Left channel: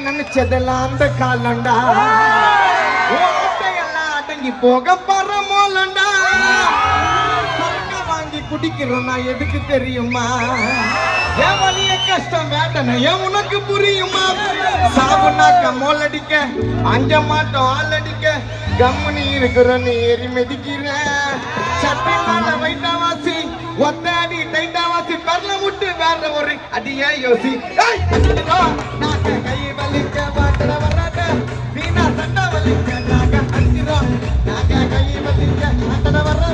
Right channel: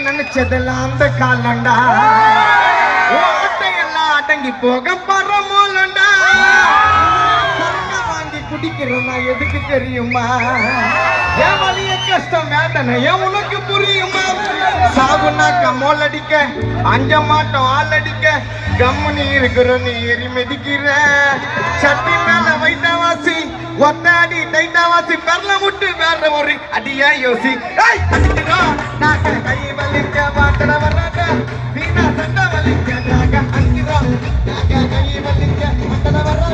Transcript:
நினைச்சதெல்லாம் அந்த காலண்டா ஓட்டையெல்லாம் அடங்கி போக பரமோலண்டா வாங்கி குடிக்கிறோம் நான் எதுக்கு தெரியுமா என் வலிய கஷ்டம் வேண்டன ஏன் உனக்கு புரியுமா சாகுனாக்க மோலடிக்க அஞ்ச மாட்டோம் ஆளடிக்க கம்முனி இருக்கிற நீ எரி மெதிக்கிற சட்டி மேல வைட்டாவாசி ஒன்னாடி டைட்டாவாசி பரல முட்டு வேற ஒரு அடியா யோசி அடிக்கிறோம் நாக்க கை வலிக்க மாட்டட வராத வீணா சண்டை வலிக்க நாக்க அடிக்கிறோம் நாக்க கை வலிக்க மாட்டட வர